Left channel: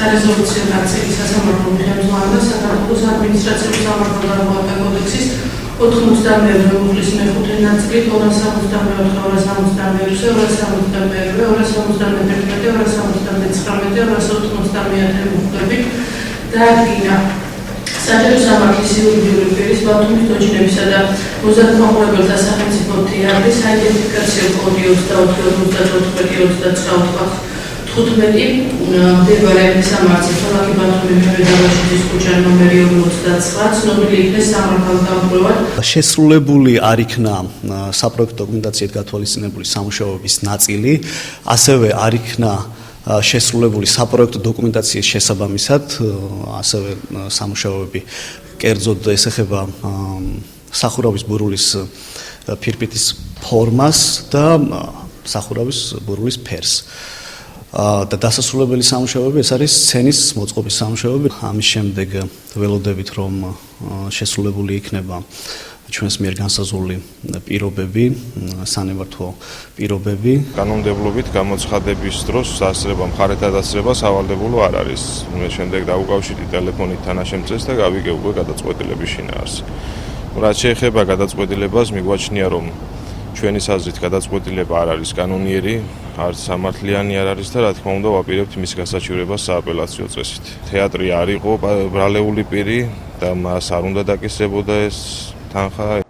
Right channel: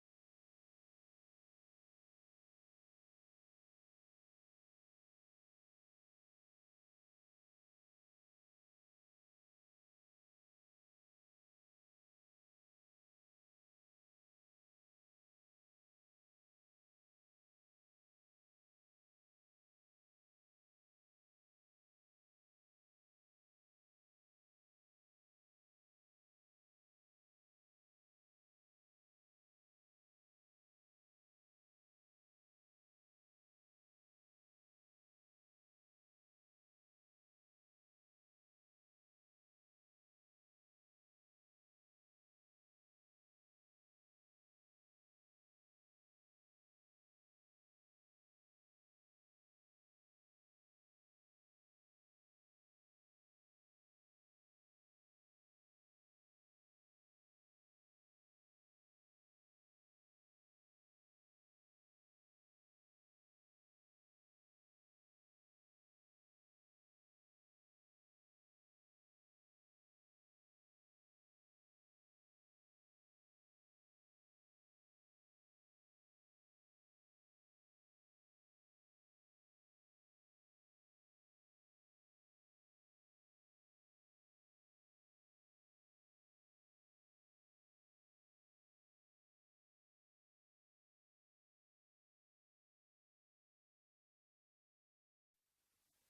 სარეზოლუციო ნაწილი სასამართლო ხელმძღვანელმა საქართველოს ადმინისტრაციული სამართალდამოუკიდებლობა კოდექსის 91 მუხლის მეხუთე ნაწილი 264, 262, 262, 271, 279 მუხლებით დაადგინა საჯარო სამართლის იურიდიული პირის ბათუმის დოჯინებისა და მოზარდმაყურებელთა სახელმწიფო თეატრის საიდენტიფიკაციო კოდი 24/34/29 მდებარე სამართლის ქალაქი ბათუმი მევედავაშიძის ქუჩა ნომერი 49 ცნობილი იქნეს სამართალდამკვლევად. შესრულებული არ იქნა საპროექტო დოკუმენტაციით გათვალისწინებული სამუშაოების ნაწილი, ასევე არ იქნა შესრულებული საპროექტო დოკუმენტაციის შესაბამისად, ასევე სამუშაოები კერძოდ ესახება სახურავის ბურულის ფირფიტის ფორმას და სახურავის ბურულის ფერს. და დასასრულებელი სამუშაოები ეს არის სცენის მოწყობის სამუშაოები. ამის შემდეგ ველოდებით რომ შესრულებული იქნება ჩვენს მიერ განსაზღვრული პირობები, სანებართვო პირობები. კანონმდებლობით გამოცხადების დროს სასწრება მხარეთა დასწრება სავალდებულო არ არის. შემდეგ დაუკავშირდით ტელეფონით თანაშემწეს და გავიგე უკვე გადაწყვეტილების შინაარსი. რაც შეეხება გადაწყვეტილებას, მიგვაჩნია რომ ჩვენი აზრით გადაწყვეტილება არ არის კანონიერი, არც სამართლიანი არ არის და რა თქმა უნდა ვაპირებთ მის გასაჩივრებას სააპელაციო წესით. თეატრი არ იყო ბრალეული პირი და მას არ უნდა დაკისრებოდა ეს თანხა.